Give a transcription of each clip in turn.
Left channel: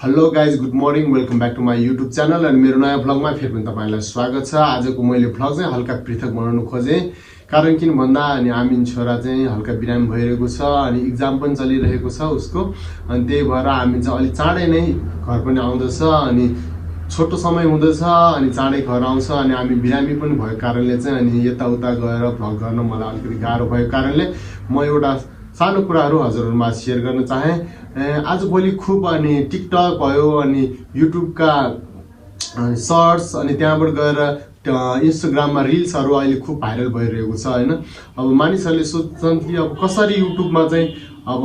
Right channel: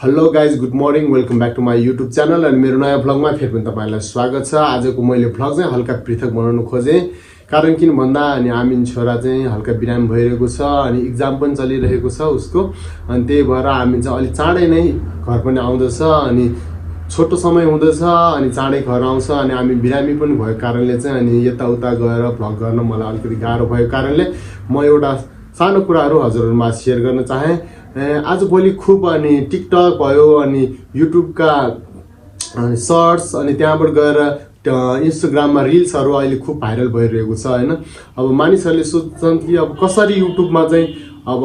Hello guys good morning welcome back to my YouTube channel अनि मेरो नयाँ भ्लगमा फेरि पनि तपाईँलाई स्वागत छ। आजको मैले भ्लग चाहिँ हल्का पृथक बनाउन खोजेँ, कारण किन भन्दा अनि आमिन छोरा चाहिँ हल्का बिरामी भइरहेको छ अनि इक्जाम पनि चलिरहेको छ उसको, अनि त्यही भएर आमिन चाहिँ अलिक चाँडै नै घर पनि आउँदछ अनि छोटो समय हुँदछ अनि चाँडै घर आउँछ अनि हामी बिरामी पनि भएको कारणले चाहिँ अनि यताउता गएर भ्लग गर्न मलाई अलिकति गाह्रो भएको कारणले म एउटा सानो कुराहरू हजुरहरूमा सेयर गर्न चाहेँ। आजभोलि खुब अनि टिकटक भयो अनि युट्युबका सर्ट्स अनि त्यहाँबाट गएर इन्स्टाग्राममा रिल्सहरू अहिले खुब भाइरल भइरहेको छ होइन। अब मानिसहरूले सोच्छन् कि अब कसरी युट्युबमा चाहिँ अब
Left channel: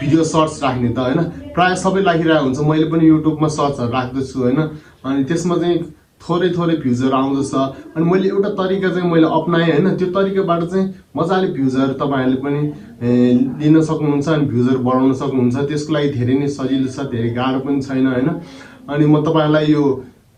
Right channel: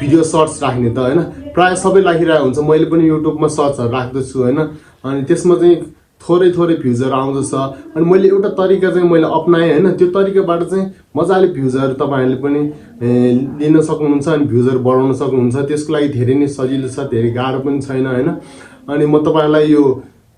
भिडियो सर्ट्स राख्ने त होइन, प्रायः सबै राखिरहेको हुन्छ। मैले पनि युट्युबमा सर्ट्सहरू राख्दछु होइन, अनि त्यसमा चाहिँ थोरै भ्युजहरू आउँदछ अनि मैले एउटा तरिका चाहिँ मैले अपनाएँ होइन। त्यो तरिकाबाट चाहिँ मजाले भ्युजहरू तपाईँहरूले पनि लिन सक्नुहुन्छ अनि भ्युजहरू बढाउन सक्नुहुन्छ। त्यसको लागि धेरै नै सजिलो छ, धेरै गाह्रो पनि छैन होइन। अनि म तपाईँहरूलाई यो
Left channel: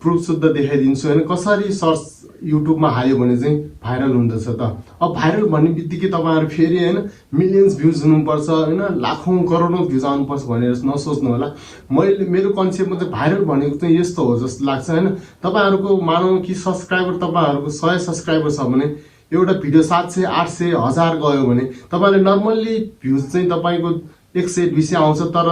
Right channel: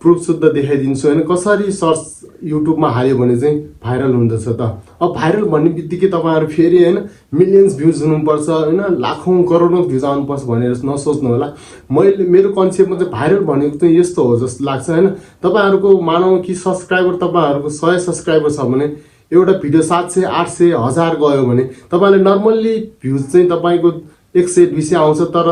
प्रुफ शुद्ध देखाइदिन्छु होइन, कसरी सर्च युट्युबमा हाल्यो भने चाहिँ भाइरल हुँदछ त। अब भाइरल भन्ने बित्तिकै तपाईँहरू फेरि होइन मिलियन्स भ्युज हुनुपर्छ होइन, लाखौँ करोडौँ भ्युज आउनुपर्छ भनेर नसोच्नु होला। मेरो कन्सेप्टमा चाहिँ भाइरल भनेको चाहिँ यस्तो हो जस्तो लाग्छ होइन। तपाईँहरूको मानौँ कि सब्सक्राइबर तपाईँहरूको 100 सब्सक्राइबर छ भने एउटा भिडियो 700, 800, 1000 गयो भने तपाईँले नर्मल्ली भ्युज चाहिँ तपाईँको 100, 200 आउँछ। तर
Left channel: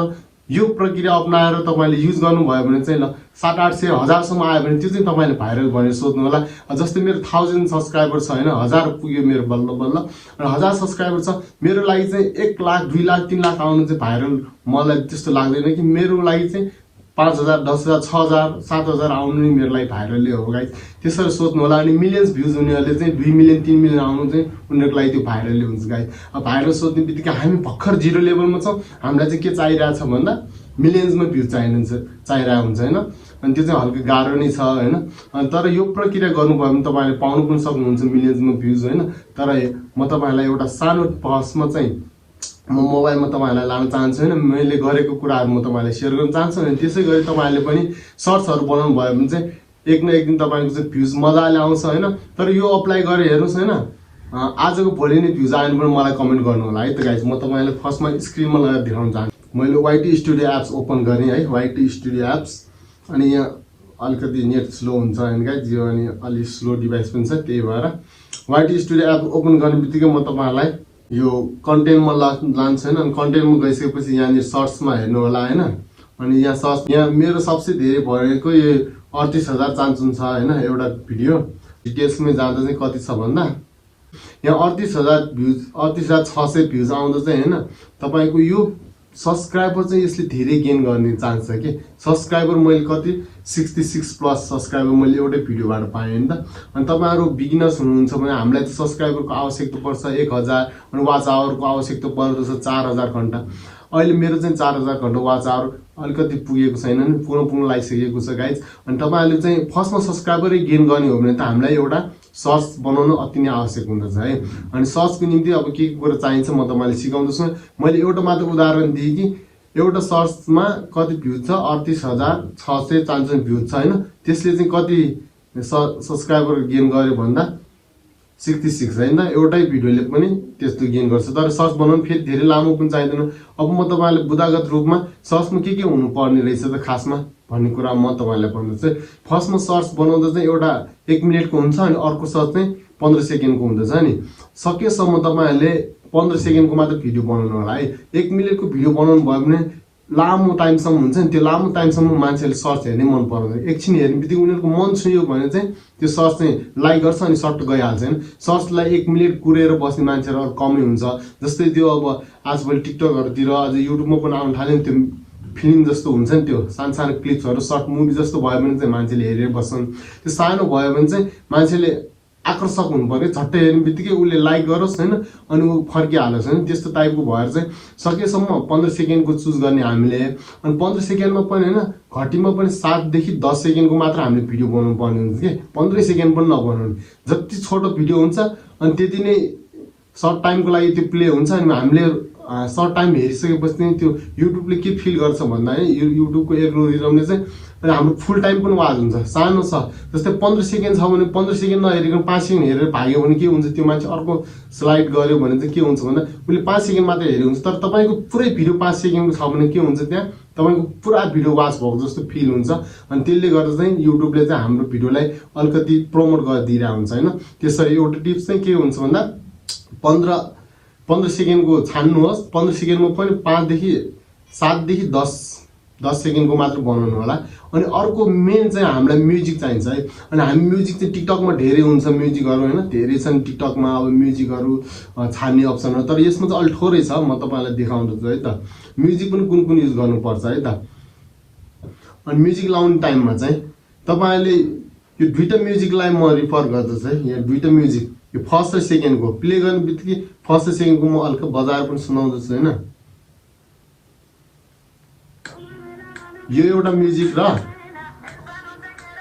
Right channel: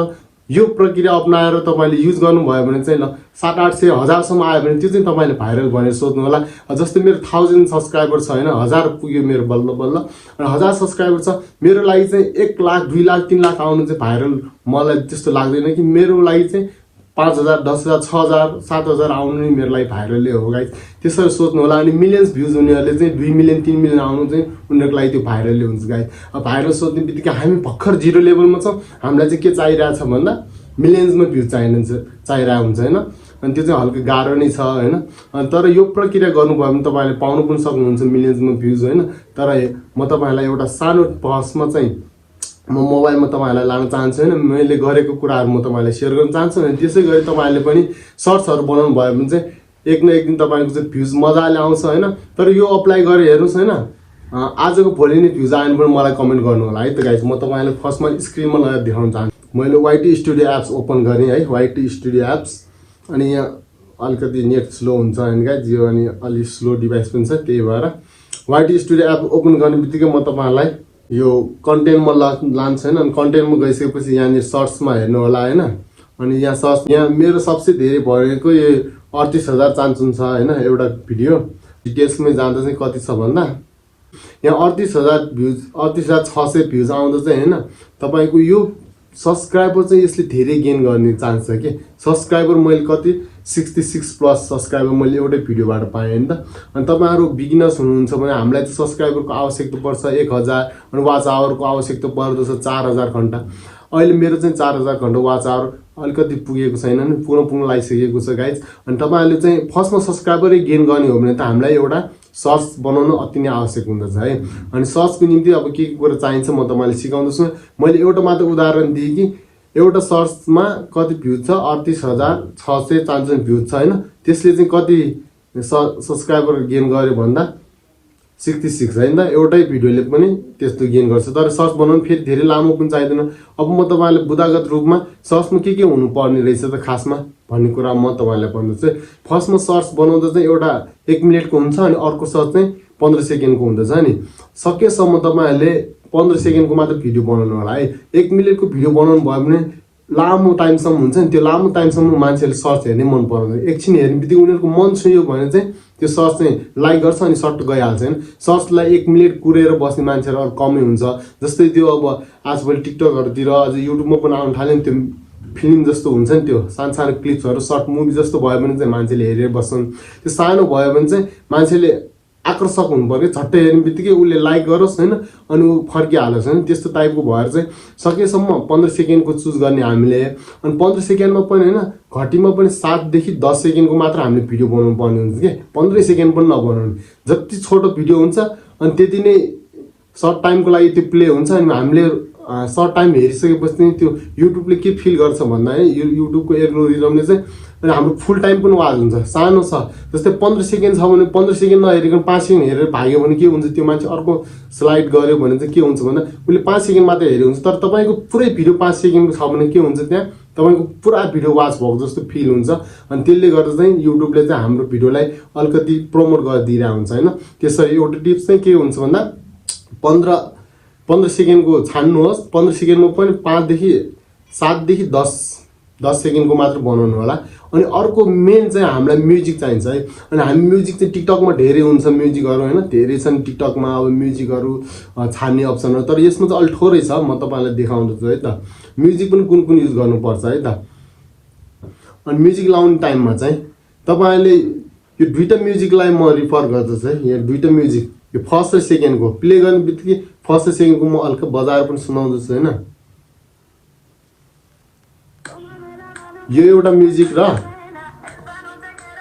यो प्रक्रिया अपनाएर तपाईँले युज गर्नुभयो भने चाहिँ ल 700, 800, 1000सम्म आयो भने त्यो चाहिँ तपाईँले भाइरल भनेर सोध्नु होला। जस्तै मेरो 1000 सब्सक्राइबर छ होइन, 1000 पुग्यो मेरो बल्ल बल्ल अनि 1000 सब्सक्राइबर छ। मेरो लागि चाहिँ 1 लाख, 2 लाख, 3 लाख आउनु चाहिँ भाइरल मलाई त्यस्तो लाग्दैन कि। मेरो लागि चाहिँ 5000, 10000, 6000, 7000 आउनु नि मेरो लागि भाइरलै हो गाइस, त्यसरी सोच्नु होला। अनि मिलियन्स भ्युज हुनेहरूले चाहिँ 2 मिलियन 3 मिलियन आउनु चाहिँ उनीहरूको लागि त्यो भाइरलै हुन्छ गाइस। अब भाइरल सोध्ने बित्तिकै हामी भर्खर 0 लेभलमा छौँ, हामीलाई चाहिँ के चाहिरहेछ भन्दा मिलियन्समा भ्युज चाहिरहेको हुन्छ होइन। अनि त्यो चाहिँ हल्का गाह्रो नै छ होइन। अनि तर यो प्रक्रिया गर्नुभयो भने तपाईँले पाउनु पनि सक्नुहुन्छ मिलियन्समा भ्युज होइन। तर म तपाईँलाई एउटा सानो पहसमा चाहिँ म मोबाइलमा तपाईँहरूलाई लान चाहन्छु होइन। मैले गरेको कुराहरू म तपाईँलाई सेयर गर्न चाहन्छु अनि त्यसै गरी तपाईँहरूले पनि सर्ट्सहरू बनाउनु भयो भने चाहिँ एक न एक दिन तपाईँको चाहिँ भ्युज मजाले आउँछ होइन। तर यो अप्लाई गरेर हेर्नुहोस् होइन, आजको भोलि नै भ्युज आयो भने पनि मलाई कमेन्ट गर्नु होला है त गाइस। म तपाईँलाई फर्स्टमा स्क्रिनमा लगाएर देखाउन चाहन्छु। मैले वाइटी स्टुडियो एप्स ओपन गरेँ है, वाइटी स्टुडियो एप्स। अनि यहाँ अलिकति नेट स्लो हुन्छ अनि गाइस, यो अनि अलिक स्लो डिभाइस पनि छ, त्यही भएर वाइटी स्टुडियो एप ओपन गर्ने बित्तिकै म तपाईँहरूलाई यो कन्टेन्टमा लान्छ होइन। अनि कन्टेन्टमा गइसकेपछि यहाँनिर सर्ट्समा हेर्नु होला होइन। अनि यहाँ सर्च यहाँ मेरो सबसे धेरै भएको यो 38000 चान्चुन छ होइन एउटा भिडियो। डिटेल्समै जाँदा चाहिँ कति छ भन्दा यहाँ 38000 भ्युज, 38600 भ्युज आउँदा चाहिँ होइन तपाईँको यो सब्सक्राइबर चाहिँ यसले धेरै गेन गर्ने चान्स छ कि। सब्सक्राइबर मैले कति 66 प्लस सब्सक्राइबर मैले एउटै भिडियोबाट पाएँ नि त। अनि तपाईँहरू बिगिनर्स हुनुहुन्छ भने हामीलाई त सब्सक्राइबरको आवश्यकता पर्छ 1000 अनि वाच आवरको आवश्यकता पर्दछ 4000 घन्टा। अहिले मेरो चाहिँ 4000 घन्टा वाच आवर अलिकति पुगेको छैन नि, पुग्न लागिसकेको छ गाइज। अनि तपाईँहरूले चाहिँ फर्स्टमा सब्सक्राइबरै गेन गर्ने हो भने त हामीलाई एउटा सर्च बनाउन अति नै आवश्यक हुँदछ है। अनि सर्चको निम्ति अब के कुरा चाहिन्छ म तपाईँलाई सिकाउँदैछु। मैले एउटा मात्र उदाहरण दिएँ कि एउटा सर्चमा कति भ्युज छ 38600 चान्चुन भ्युज छ होइन। त्यसले चाहिँ कति सब्सक्राइबर गेन गर्यो भन्दा 66 होइन त। एउटै भिडियोले पनि त्यस्तो गेन गर्छ। तर सर्च बनाउनु फेरि धेरै लामो पनि चाहिँदैन। अब म तपाईँलाई बुदागत रूपमा सर्चमा के हुनुपर्ने रहेछ त खासमा भन्ने कुरा म तपाईँलाई भन्दैछु। फर्स्टमा सर्च बनाउँदा चाहिँ एउटा 1 मिनटको हुन्छ अनि अर्को सर्च चाहिँ 15 सेकेन्डको हुँदछ नि। सकेसम्म तपाईँहरूले 15 सेकेन्डको मात्र भिडियो बनाउनु होला है। 1 मिनटको भिडियो बनाउनु भयो भने लामो टाइमसम्म हुन्छ नि, त्यो लामो टाइमसम्म मान्छेले सर्च हेर्नै मन पर्दैन। एकछिन हेर्ने बित्तिकै उनीहरूको मन छुयो भने चाहिँ त्यो सर्च चाहिँ लाइक गर्छ अनि सर्ट गइहाल्छ होइन। सर्चलाई 1 मिनट कुरेर बस्ने मान्छेहरू अरू कमै हुन्छ। जस्तै त्यो अब आजभोलि टिकटकहरूतिर अझ युट्युबमा पनि आउनु थाल्यो नि, त्यो फिल्म जस्तो हुन्छ नि, त्यो सानो सानो क्लिप्सहरू सर्ट मुभी जस्तो भयो भने चाहिँ मान्छेले हेरेर बस्छन्। त्यो सानो भयो भने चाहिँ मान्छेले आकर्षक हुनु पर्यो, झट्टै हेर्ने बित्तिकै उसले लाइक गरोस् होइन अनि ऊ फर्किहालोस् होइन। त्यस्तो टाइपको भएर चाहिँ सकेसम्म 15 सेकेन्डको चुज गर्ने हामीले। अनि 15 सेकेन्डमा पनि होइन घटीमा पनि 7 देखि 10 सेकेन्डको मात्र हामीले भिडियो बनाउनु पर्ने हुन्छ कि, 15 सेकेन्ड पनि नबनाउने। जति छोटो भिडियो हुन्छ अनि त्यति नै सर्ट टाइमको लागि त्यो प्ले हुन्छ। अनि हामीले सर्ट टाइम हेरिसकेपछि चाहिँ त्यो युट्युबले के फिल गर्छ भन्दा है युट्युबको एल्गोरिदमले चाहिँ अनि हाम्रो फुल टाइम पनि वाच हुन्छ। सानो छ जस्तै 15 सेकेन्ड छ भने 15 सेकेन्ड नहेरिकन 5 सेकेन्ड हेरेर भाग्यो भने के हुन्छ, त्यो मान्छे अर्को स्लाइड गर्यो भने चाहिँ के हुन्छ भन्दा उसले 5 सेकेन्ड मात्रै हेरेको हुन्छ, तर तपाईँको पुरै भिडियो 5 सेकेन्डको छ भने के हुन्छ, त्यहाँ तपाईँको पुरा भिडियो वाच भएको जस्तो फिल हुन्छ। अनि त्यसले गर्दा चाहिँ युट्युबले चाहिँ हाम्रो भिडियोलाई अलिकति प्रमोट गरिदिइरहेको हुन्छ होइन। त्यसरी एउटा टिप्स चाहिँ के हुन्छ भन्दा 15 सेकेन्डको छान्नुहोस्, 15 सेकेन्डमा पनि 5 देखि 7 देखि 10 सेकेन्डको मात्र बनाउनु होला। अनि अर्को मेन चाहिँ हामीलाई म्युजिक चाहिन्छ है। अनि हामी म्युजिक चाहिँ टिकटकमा धेरै हुन्छ म्युजिकहरू होइन, धेरै छन् टिकटकमा अब म्युजिकहरू छान्ने अप्सनहरू, तर यसमा चाहिँ अलिक थोरै छ। म तपाईँलाई देखाउँदैछु है त म्युजिक पनि कुन कुन युज गर्नुपर्छ है त। अनि म्युजिक लाउने टाइममा चाहिँ तपाईँले यो दुईवटा म्युजिकलाई म रिफर गर्दछु है। यहाँ दुईवटा म्युजिक यो फर्स्ट र सेकेन्डको प्ले गर्ने बित्तिकै फर्स्ट र सेकेन्डको म हल्का बजाएर पनि सुनाउँदैछु होइन। यो एउटा म्युजिक र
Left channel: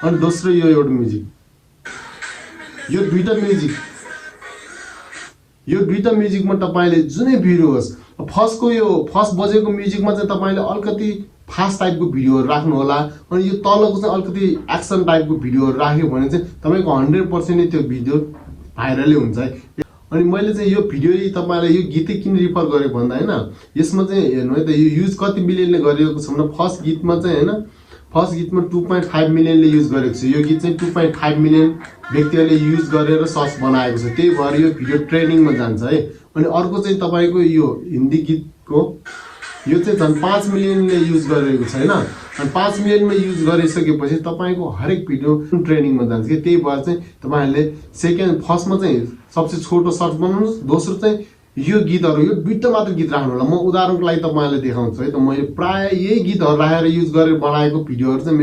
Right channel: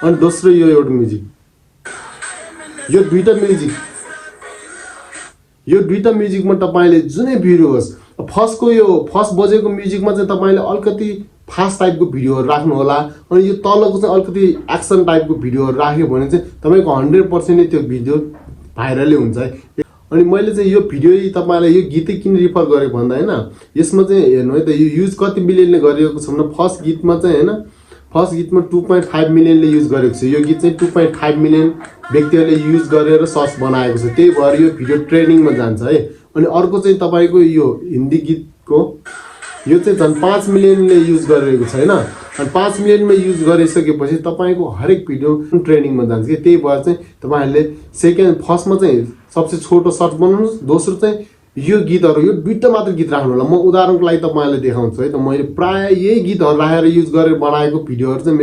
अनि दोस्रो यो एउटा म्युजिक, यो दुईटा म्युजिकमा तपाईँले जुनै भिडियो होस्, यो फर्स्ट बजेको म्युजिकमा चाहिँ तपाईँले अलिकति फास्ट टाइपको भिडियोहरू राख्नु होला। अनि यो तलको चाहिँ अलिकति एक्सन टाइपको भिडियोहरू राख्यो भने चाहिँ तपाईँको 100% नै त्यो भिडियो भाइरलै हुन्छ है। अनि मैले चाहिँ यो भिडियो तपाईँलाई यो गीतै किन रिफर गरेँ भन्दा होइन, यसमा चाहिँ हेर्नु है त यो युज कति मिलियनले गरिएको छ भन्दा फर्स्ट गीतमा चाहिँ होइन, फर्स्ट गीतमा 2.5 मिलियनले युज गरेको छ। यो गीत चाहिँ 2.5 मिलियन व्यक्तिहरूले युज गरेर सर्च बनाएको छ, त्यही भएर यो भिडियो ट्रेन्डिङमा जान्छ है। अनि अर्को चाहिँ तपाईँको यो हिन्दी गीतको यो चाहिँ झन् 5 मिलियनले युज गरेको छ होइन। अनि 5 मिलियनमा युज गरिसकेपछि तपाईँको हरेक भिडियो ट्रेन्डिङमा जान्छ कि, त्यही भएर चाहिँ तपाईँहरूले फर्स्टमा चाहिँ सबसे छोटो सर्च बनाउनुहोस्, दोस्रो चाहिँ यो गीतहरू यो दुईवटा मात्र गीत राख्नु होला। म उदाहरणको लागि तपाईँलाई देखाउँछु है त। मैले प्राय यही गीतहरू राखेर युज गरेर बनाएको भिडियोहरू चाहिँ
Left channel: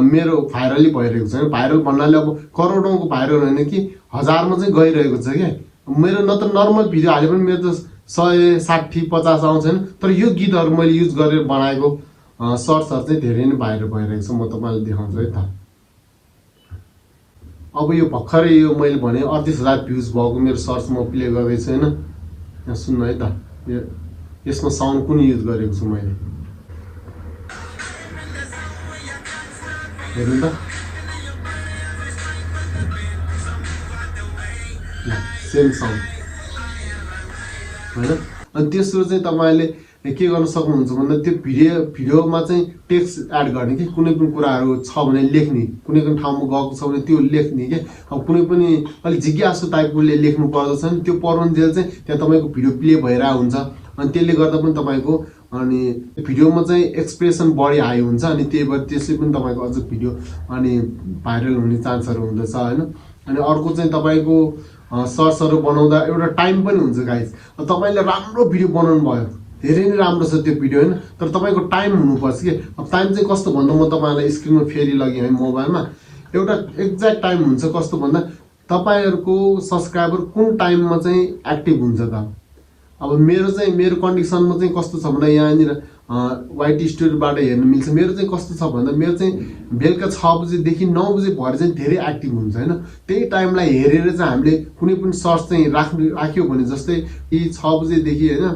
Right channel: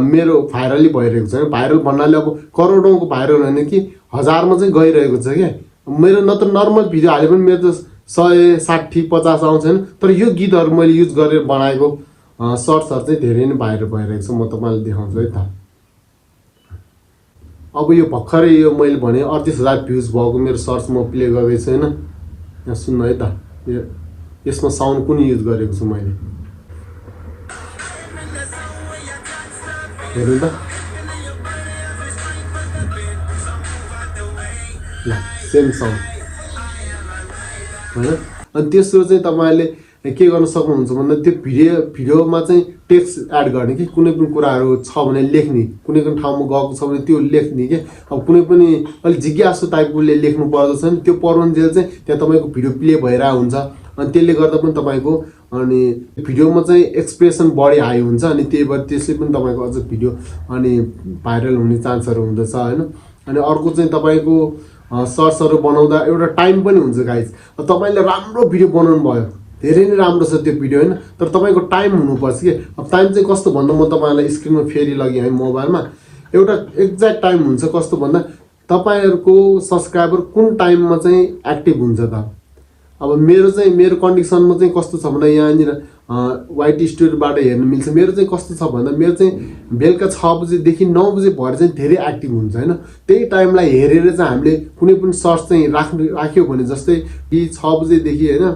मेरो भाइरलै भइरहेको छ। भाइरल भन्नाले अब करोडौँको भाइरल होइन कि हजारमा चाहिँ गइरहेको छ क्या। मेरो न त नर्मल भिडियो हाले पनि मेरो त 100, 60, 50 आउँछ होइन, तर यो गीतहरू मैले युज गरेर बनाएको सर्ट्सहरू चाहिँ धेरै नै भाइरल भइरहेको छ। म तपाईँलाई देखाउँछु है त। अब यो भर्खरै यो मैले भने 38,000 भ्युज भएको मेरो सर्च म प्ले गर्दैछु होइन। यहाँ सुन्नु है त, यसमा साउन्ड कुन युज गरेको छु मैले, हेर्नु त ल सेम साउन्ड होइन। अनि तेस्रो चाहिँ तपाईँले के गर्न सक्नुहुन्छ भन्दा त्यो भिडियोमा चाहिँ टेक्स्ट एड गर्ने कि, कुनै पनि कुराहरू छ भने लेख्ने, कुनै पनि ठाउँमा गएको छ भने त्यो लेख्ने कि। अब कुनै पनि अलिक जिज्ञासु टाइपकोले लेख्नु पर्दछ नि, त्यो पढ्नुन्जेल चाहिँ त्यहाँ तपाईँको भिडियो प्ले भइरहेको हुन्छ। अनि त्यसले गर्दा पनि तपाईँको अनि भिडियोमा चाहिँ एक्सप्रेसन बढी हाई हुन्छ, अनि त्यही भएर त्यसले पनि तपाईँको अझ भिडियो अनि भाइरल हुने चान्सहरू हुँदछ होइन। अनि अर्को चाहिँ तपाईँको सर्ट्सहरू बनाउँदा एउटा टाइम पनि हुन्छ गाइज। तपाईँले राम्रो भिडियो बनाउनु भयो, धेरै नै राम्रो छ त्यो भिडियो होइन, तर तपाईँको टाइम हुनुपर्छ कि। अब टाइम चाहिँ कस्तो भन्दा म तपाईँलाई स्क्रिनमा फेरि लगेँ है मोबाइलमा, एउटा एक्ज्याक्ट टाइम हुन्छ। कस्तो भन्दा तपाईँहरूको सब्सक्राइबर कुन टाइममा चाहिँ एक्टिभ हुन्छ त। अब मेरो कन्डिसनमा चाहिँ कस्तो छ भन्दा यहाँनिर वाइट स्टोरीबाट हेर्न मिल्छ। मेरो चाहिँ कस्तो छ भन्दा मेरो चाहिँ बेलुका 6 बजेदेखि 9 बजे भएर चाहिँ धेरै एक्टिभ हुन्छ होइन। त्यही टाइमलाई हेरेर चाहिँ हामीले कुनै पनि सर्च चाहिँ राख्यो भने जस्तै 6 बजेदेखि होइन,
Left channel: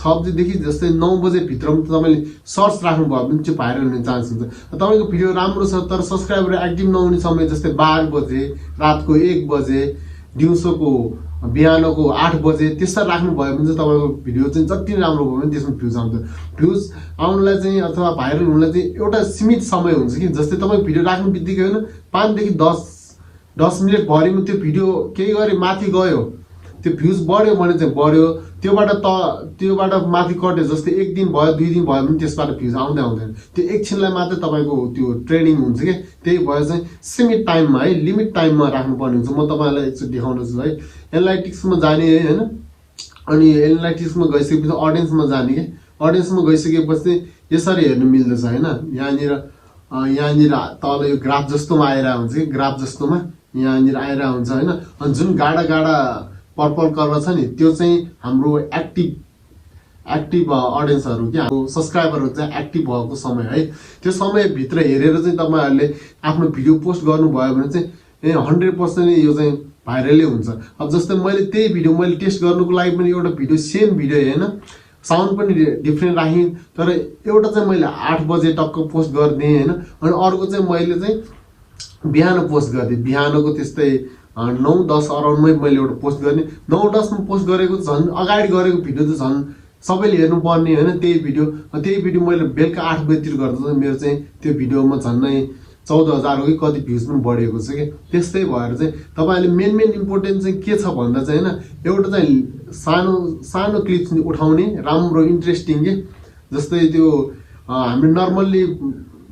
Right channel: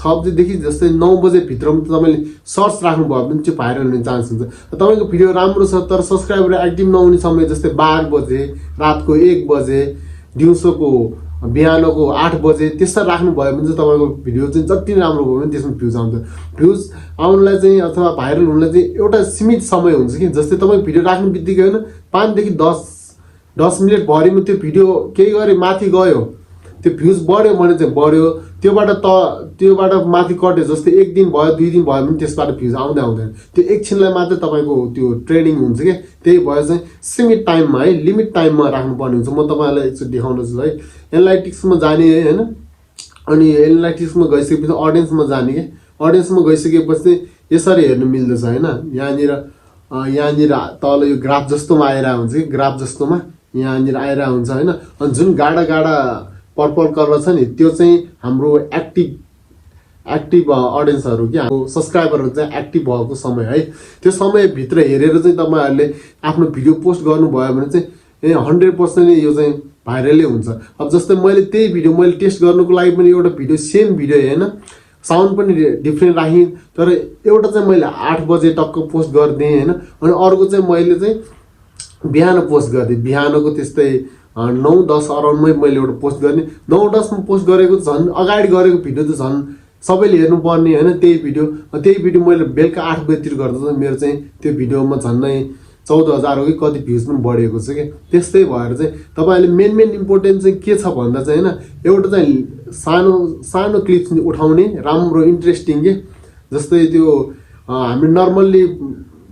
6 बजेदेखि जस्तै 9 बजेभित्रमा तपाईँले सर्च राख्नुभयो भने चाहिँ भाइरल हुने चान्स हुन्छ। तपाईँको भिडियो राम्रो छ तर सब्सक्राइबर एक्टिभ नहुने समय जस्तै 12 बजे, रातको 1 बजे, दिउँसोको बिहानको 8 बजे त्यस्ता राख्नुभयो भने चाहिँ तपाईँको भिडियो चाहिँ जति राम्रो भयो भने त्यसमा भ्युज आउँछ। भ्युज आउनलाई चाहिँ अथवा भाइरल हुनलाई चाहिँ एउटा सीमित समय हुन्छ कि, जस्तै तपाईँ भिडियो राख्नु बित्तिकै होइन 5 देखि 10 मिनट भरिमा त्यो भिडियो केही गरे माथि गयो, त्यो भ्युज बढ्यो भने चाहिँ बढ्यो, त्योबाट माथि कट्यो, जस्तै 1 दिन भयो 2 दिन भयो भने त्यसबाट भ्युज आउँदैन। त्यो एकछिनलाई मात्रै तपाईँको त्यो ट्रेनिङ हुन्छ क्या। त्यही भएर चाहिँ सीमित टाइममा है, लिमिट टाइममा राख्नुपर्ने हुन्छ। म तपाईँलाई एकचोटि देखाउनुहोस् है। एनालाइटिक्समा जाने है होइन, अनि एनालाइटिक्समा गइसकेपछि अडियन्समा जाने कि, अडियन्समा गइसकेपछि यसरी हेर्नु मिल्दछ होइन। यहाँनिर तल यो ग्राफ जस्तोमा आइरहेको हुन्छ कि, ग्राफ जस्तोमा यहाँनिर आइरहेको हुन्छ होइन। अनि जुन गाडा पर्पल कलर छ नि त्यो चाहिँ हाम्रो एक्टिभ अडियन्सहरू क्या, हाम्रो सब्सक्राइबरहरू चाहिँ एक्टिभ भएको समय है। त्यो समयभित्र हेरेर चाहिँ तपाईँहरूले आफ्नो भिडियो पोस्ट गर्नुभयो भने चाहिँ 100% यो चाहिँ भाइरलै हुन्छ। अब जस्तै मैले त्यही भिडियो मैले टेस्ट गर्नुको लागि पनि एउटा भिडियो सेम भिडियो होइन, साउन्ड पनि डिफ्रेन्ट राखेँ, तर एउटा चाहिँ मैले 8 बजे टक्क पोस्ट गरिदिएँ होइन, अनि अर्को चाहिँ मैले चाहिँ बिहान पोस्ट गरिदिएँ। बिहानको त्यस्तै 9-10 अराउन्डमै मैले एउटा पोस्ट गर्ने, 9-10मा पोस्ट गरेको झन् अगाडि गरेको भिडियो त झन् सबैले हेर्नुपर्ने होइन। त्यही भिडियो मैले बेलुका 8 बजेतिर गर्दा मेरो चाहिँ त्यो भिडियोमा झन्नै 14,000 हो कि कति भ्युज पनि बढेको छ कि। त्यस्तै भएर चाहिँ तपाईँहरूले मेन इम्पोर्टेन्ट चाहिँ के छ भन्दा चाहिँ होइन, एउटा चाहिँ सानो क्लिप्स उठाउने राम्रो इन्ट्रेस्टिङ के, जस्तै त्यो हामीले नर्मल्ली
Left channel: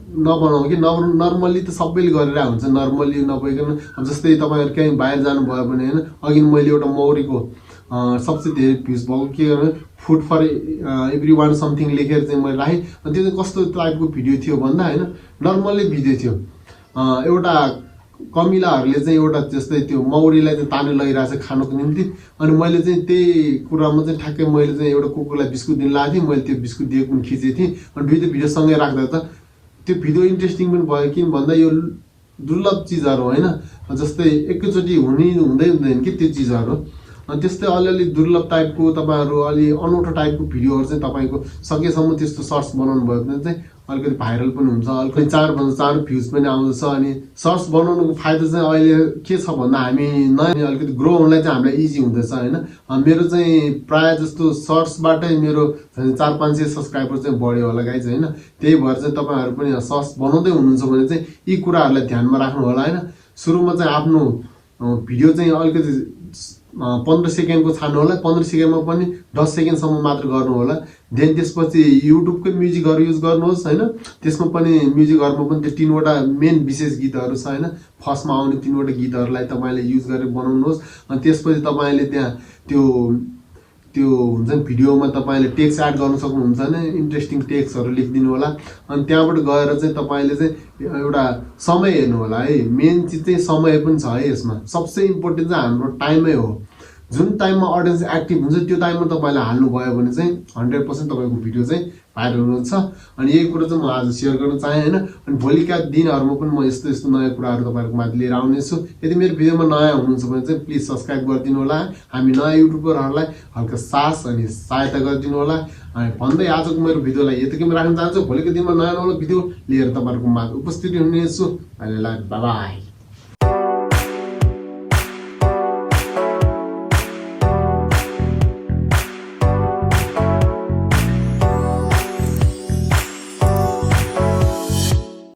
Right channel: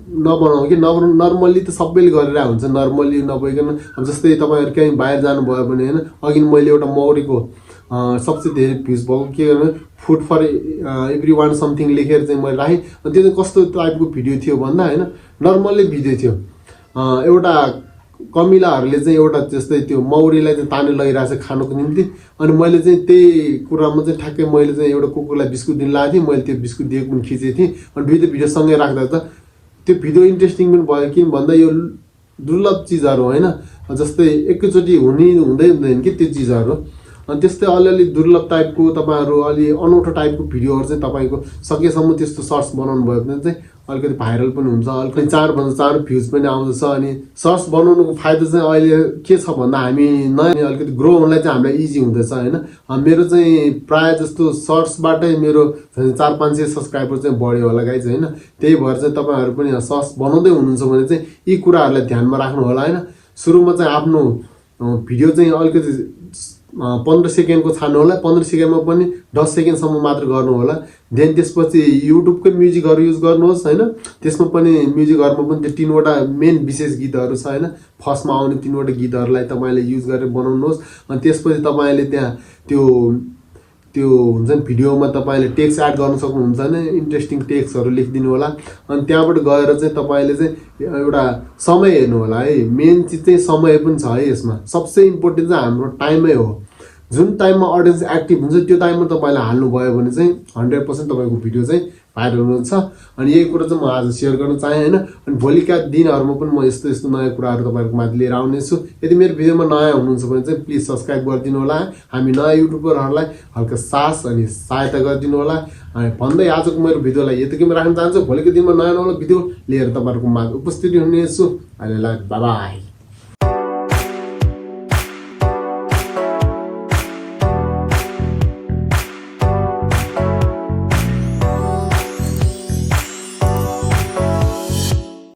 नबनाऊ कि नर्मल्ली त सबैले गरेर हुन्छ, नर्मल्ली नभइकन अब जस्तै तपाईँहरू कहीँ बाहिर जानुभयो भने होइन, अघि मैले एउटा मौरीको सबसे धेरै भ्युज भएको के गर्नु food for everyone something लेखेर चाहिँ मैले राखेँ। त्यो चाहिँ कस्तो टाइपको भिडियो थियो भन्दा होइन, नर्मल्ली भिडियो थियो। एउटा कमिलाहरूले चाहिँ एउटा जस्तै त्यो मौरीलाई चाहिँ तानेर लगिरहेको छ खानुको निम्ति, अनि मैले चाहिँ त्यही कुरामा चाहिँ ठ्याक्कै मैले चाहिँ एउटा कुकुरलाई बिस्कुट दिन लगाएको थिएँ, मैले त्यो बिस्कुट दिएको पनि खिचेको थिएँ। अनि दुईवटा भिडियो सँगै राख्दा त त्यो भिडियो इन्ट्रेस्टिङ पनि भयो, किन भन्दा यो दुर्लभ चिजहरू होइन, जस्तै एकैचोटि हुँदैन कि त्यो चिजहरू। अनि त्यस्तै अलिअलि दुर्लभ टाइपको तपाईँहरू अलि अनौठो टाइपको भिडियोहरू चाहिँ तपाईँको सकेसम्म त्यस्तो सर्ट्स बनाउनु भयो भने चाहिँ अलिकति भाइरल पनि हुन्छ, अलिकति चाँडो भ्युज पनि आउँदछ। अनि सर्ट्स बनाउनुको फाइदा चाहिँ अहिले के छ भन्दा हामी नयाँ अलिकति ग्रो हुनलाई चाहिँ हामीलाई इजी हुँदैछ होइन। मेरो चाहिँ प्रायः जस्तो सर्ट्सबाटै मेरो 400-500 सब्सक्राइबर चाहिँ बढ्यो होला गाइज होइन। त्यही भएर चाहिँ तपाईँहरू पनि सर्ट्स बनाउँदै हुनुहुन्छ भने चाहिँ यी कुराहरूलाई ध्यानमा राख्नु होला होइन। सुरुमा चाहिँ आफ्नो भिडियो चाहिँ अलिकति 15 सेकेन्डको छान्नु होला, 15 सेकेन्डमा पनि 10 सेकेन्डसम्म मात्र गर्नु होला। देन त्यसपछि युट्युबकै म्युजिकहरू युज गर्नुहोस् होइन, त्यसमा पनि म्युजिकहरूमा पनि त्यो 3वटा मेन विशेष गीतहरू छ होइन, फर्स्टमा आउने 3वटा गीतहरूलाई तपाईँले युज गरेर बनाउनुहोस्। अनि त्यसपछि तपाईँले त्यहाँ त्यो हुन्छ नि भिडियोमा तपाईँले टेक्स्ट एड गर्न सक्नुहुन्छ होइन, इन्ट्रेस्टिङ टेक्स्टहरू लेखिदिनु होला। अनि त्यहाँबाट गएर चाहिँ तपाईँले चाहिँ एउटा समय हेर्नु होला है, मेन चिज चाहिँ समय पनि छ है यसमा। सबसे इम्पोर्टेन्ट चाहिँ हाम्रो टाइमै हो, जुन टाइममा अडियन्स एक्टिभ हुन्छ त्यो टाइममा तपाईँले हाल्नुभयो भने चाहिँ 100% तपाईँको भिडियो चाहिँ भाइरल हुन्छ। अनि यही कुरा चाहिँ म आज सेयर गर्न चाहेँ होइन। अनि भोलिका दिनहरूमा पनि म यस्तो नयाँ कुराहरू तपाईँहरूको माथि लिएर आउनेछु। यदि मेरो भिडियोमा नयाँ हुनुहुन्छ भने चाहिँ प्लिज सब्सक्राइब गरिदिनु होला, हामी नयाँ युट्युबरहरूलाई हल्का सास अनि सहायता गरिदिनु होला। अनि भन्दै आजको मेरो भिडियोलाई यतिकैमा राख्न चाहन्छु, भोलिको दिनमा नयाँ भिडियो लिएर तपाईँहरूको माझ उपस्थित हुनेछु। अहिले बाई बाई।